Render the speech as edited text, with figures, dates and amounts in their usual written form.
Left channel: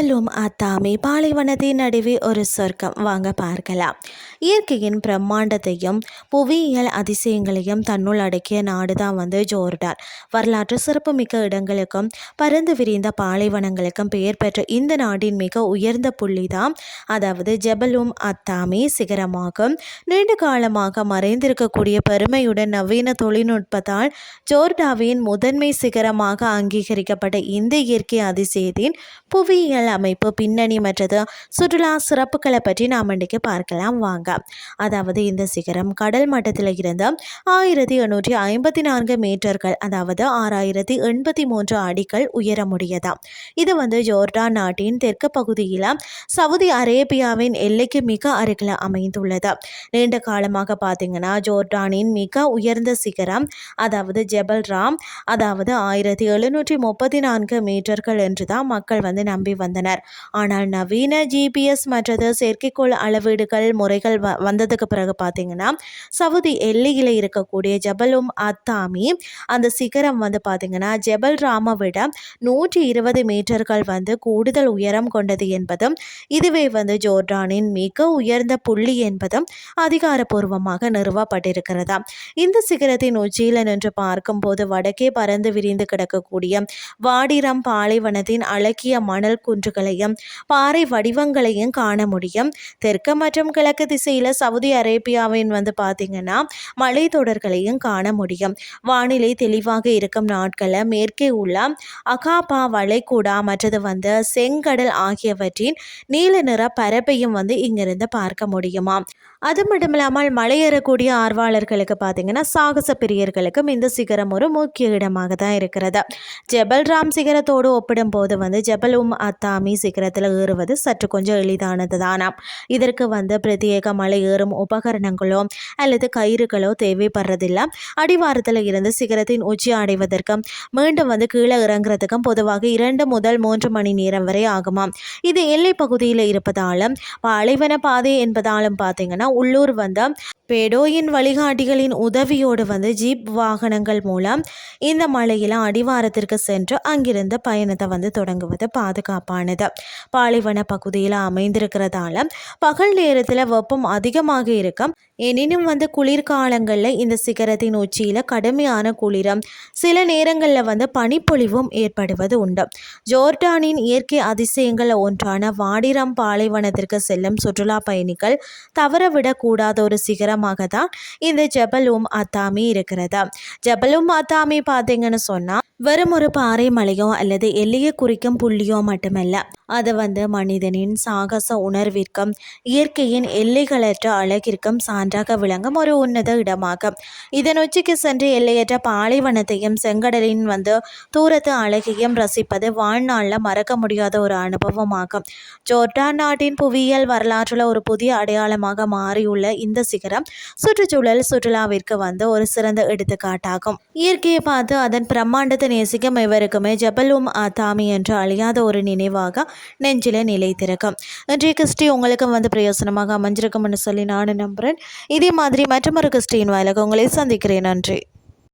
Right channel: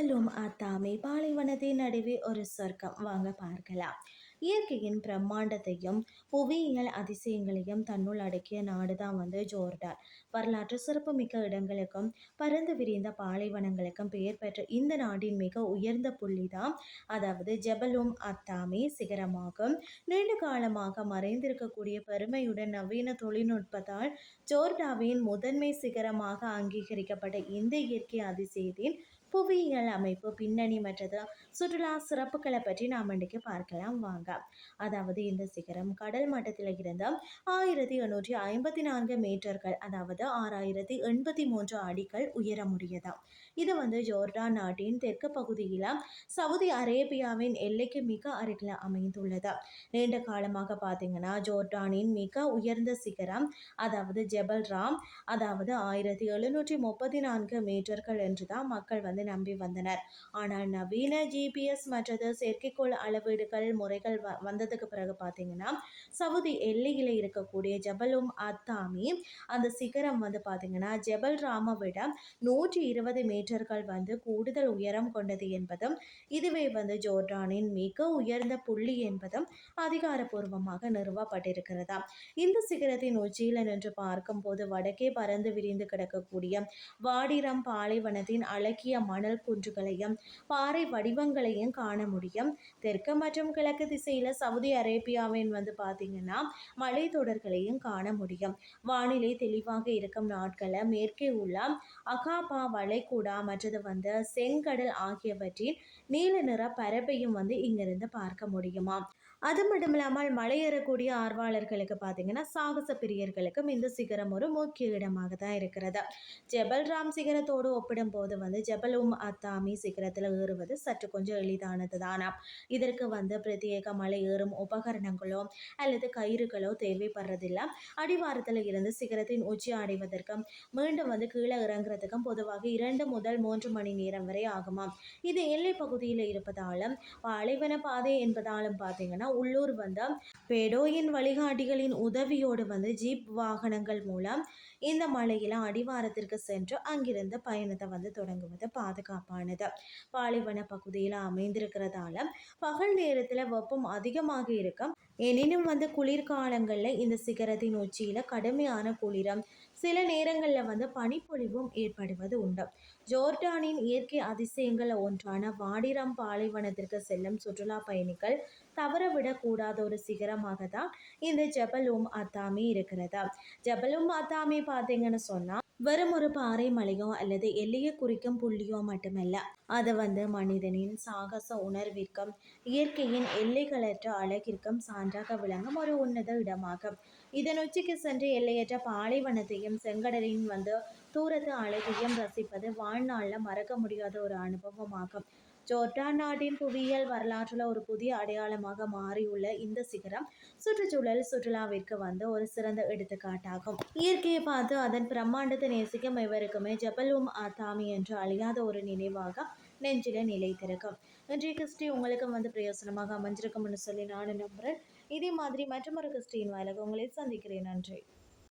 ஜபலும் அத்தாமி பாலைவனத்தின் நடுவே ஒரு சொர்க்கம் வாங்க பார்க்கலாம். இயற்கையின் பிரம்மாண்டத்தையும் புவியியல் அதிசயங்களையும் தன்னுள் அடக்கிய நாடு தான் ஜோர்டான். வரலாற்று சிறப்புமிக்க இடங்களுக்கும் பரந்து விரிந்த பாலைவனங்களுக்கும் பெயர் பெற்ற இந்த நாட்டின் மிக உயர்ந்த புள்ளி தான் அதாவது ஜபலும் அத்தாமி சிகரமாகும். நீண்ட காலமாக மறைந்திருக்கக்கூடிய பெருமையுடன் நவீன தொழில்நுட்பத்தால் ஜோர்டாவின் முதன்மை சிகரமாக அங்கீகரிக்கப்பட்ட இந்த இயற்கை அதிசயத்தின் புவியியல் அமைப்பு பின்னணி மற்றது சுற்றுலா சிறப்புகளை பற்றி நாம் இன்றைக்கு பார்க்கலாம் வாங்க. அதாவது இந்த சிகரம் கடல் மட்டத்தில் இருந்து 1854 மீட்டர்கள் அதாவது 6083 அடிகள் உயர முடியதாம். இது ஜோர்டான் நாட்டின் தெற்கு பகுதியில் சவுதி அரேபியாவின் எல்லைக்கு மிக அருகில் அமைந்துள்ளது. நீண்ட காலமாக பார்த்தீங்கன்னா ஜோர்டானின் மிக உயர்ந்த சிகரம் அதாவது ஜெபல் ராம் அதாவது 1734 மீட்டர்கள் என்று தான் மக்கள் நம்பி வந்தனர். ஆனால் நவீன ஜிபிஎஸ் மற்றது செயற்கைக்கோள் அளவீடுகள் முறைகள் வந்ததுக்கு பிறகு பார்த்தீங்கன்னா சவுதி எல்லையில் இருக்கக்கூடிய ஜபலும் அத்தாமி அந்த சிகரம் பார்த்தீங்கன்னா ஜெபல் ராமை விட 120 மீட்டர்கள் கூடுதல் உயரம் கொண்டது என்பதும் இதுவே ஜோர்டானின் மிக உயர்ந்த புள்ளி என்பதும் அதிகாரப்பூர்வமாக நிறுவப்பட்டிருக்கிறதா. இந்த சிகரத்தின் உச்சியில் நின்று பார்க்கும்போது வடக்கே பறந்து விரிந்து கிடக்கக்கூடிய வாடிரம் பாலைவனத்தின் அழகிய மணல் குன்றுகளையும் பாறை வடிவங்களையும் காண முடியும். தெற்கு மற்றும் கிழக்கு திசையில் சவுதி அரேபியாவின் பார்த்தீங்கன்னா மலை தொடர்களையும் காண முடியும். வானிலை தெளிவாக இருக்கும் நாட்களில் மேற்கே உள்ள அகாபா வளைகுடா மற்றது செங்கடல் ஆகியவற்றின் நீல நிற பரப்பையும் இங்கிருந்து பார்க்க முடியுமா. அது மட்டும் இல்லாமல் மலையேறக்கூடிய ஆர்வலர்களுக்கு பார்த்தீங்கன்னா சாகச பிரியர்களுக்கும் இந்த சிகரம் ஒரு முக்கிய இடமாக தான் இருக்கிறது. ஜெபல் ராம் சிகரத்தோடு ஒப்பிடும்போது ஜபலும் அத்தாமி சிகரத்தில் ஏறுவது சற்று கொஞ்சம் எளிதானது தானாம். இதற்கு பிரத்யேக மலை ஏறும் உபகரணங்களோ அல்லது கயிறுகளோ தேவைப்படுறதில்லை. அடிவாரத்தில் இருந்து சிகரத்தின் உச்சி அடைவதற்கும் மீண்டும் கீழே இறங்குறதுக்கும் பொதுவாக 2 முதல் 3 மணி நேரம் வரை ஆகுமாம். இது எல்லை பகுதியில் இருப்பதாலும் பாலைவன பாதை என்பதாலும் பார்த்தீங்கன்னா உள்ளூர் பேடோயின் வழிகாட்டிகளின் உதவியோடு ஜீப் வாகனங்கள் மூலம் இந்த மலையில் அடிவாரத்திற்கு சென்று அங்கிருந்து பயணத்தை தொடங்குவது பாதுகாப்பானது. பாலைவன பகுதியில் அமைந்திருக்கிறதால பகல் நேரத்தில் வெப்பம் அதிகமாக இருக்கும். எனினும் குளிர்காலங்களில் இந்த சிகரத்தின் உச்சியில் கடுமையான குளிரும் சில நேரங்களில் பனிப்பொழிவும் ஏற்படுவது உண்டு. ஜோர்டானின் இயற்கை அதிசயங்கள் ஒன்றான வாடிரம் பாலைவனத்திற்கு செல்லும் சுற்றுலா பயணிகள் தவறவிடக்கூடாத ஒரு சிகரமாக தான் இந்த ஜபலும் அத்தாமி இருக்கிறது. ஜபலும் அத்தாமி பார்த்தீங்கன்னு சொன்னால் வெறும் ஒரு பாறை மலையோ அல்லது எல்லையை குறிக்கும் புள்ளியோ மட்டுமல்ல, அது மனிதனின் சாகச உணர்விற்கும் இயற்கையின் எல்லைகளற்ற அழகிற்கும் சான்றாக விளங்கும் ஒரு உன்னத இடமாகும். இதன் உச்சிக்கு சென்று எல்லையற்ற பாலைவனத்தையும் செங்கடலின் தூரத்து அழகையும் ரசிப்பது வாழ்நாளில் மறக்க முடியாத ஒரு அனுபவமாகும். ஜோர்டான் நாட்டின் புவியியல் வரலாற்றில் ஒரு புதிய அடையாளமாக மாறியுள்ள இந்த சிகரம் சுற்றுச்சூழல் சுற்றுலாவிற்கு ஒரு சிறந்த எடுத்துக்காட்டாகும். இயற்கையை பார்த்து அதன் பிரம்மாண்டத்தை நேசிக்கும் இவருக்குமே ஜபலும் அத்தாமி என்று அழியாத ஒரு நினைவாக நெஞ்சில நிலைத்திருக்கும். இன்றைய கிறிஸ்டி உங்களுக்கும் பிரயோசனமாக அமைஞ்சிருக்கும்னு சொல்லி நான் நம்புகிறேன். இதே மாதிரி மற்றொரு கிறிஸ்டியின் வாயிலாக உங்களை சந்திக்கிறேன். நன்றி.